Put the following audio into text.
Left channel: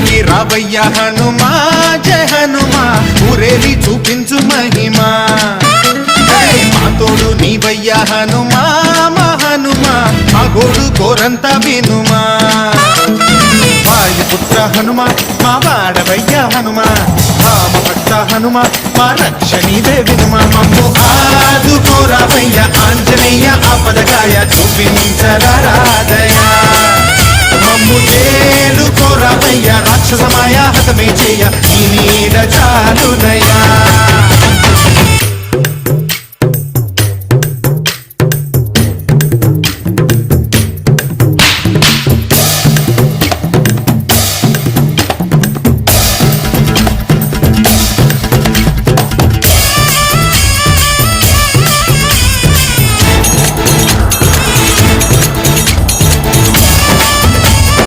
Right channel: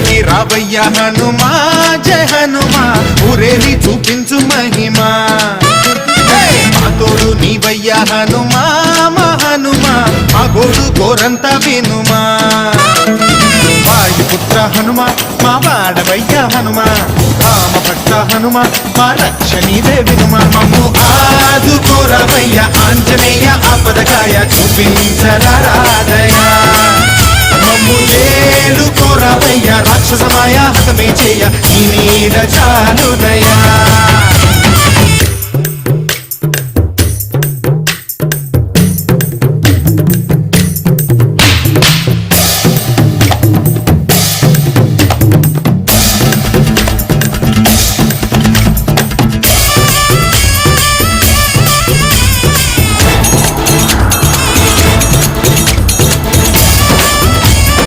ఊరికి రావయ్య హనుమా జయ హనుమా ఊరేలి చూపించు మహిమా మా తోడు నీవయ్య హనుమా మా హనుమా మా గోడు గోరంత వినుమా వాయుపుత్ర హనుమా మా వాడవయ్య హనుమా రామభట్ట హనుమా మా రక్షణీదే వినుమా మమ్ము ఆదుకోరావయ్య ఆంజనేయ ఆపదగాయ చూపించరాదయ మమ్ము ఏలుకోరావయ్య రాక్షసమాయ హతమే చేయ ఈ నీడ చాలునయా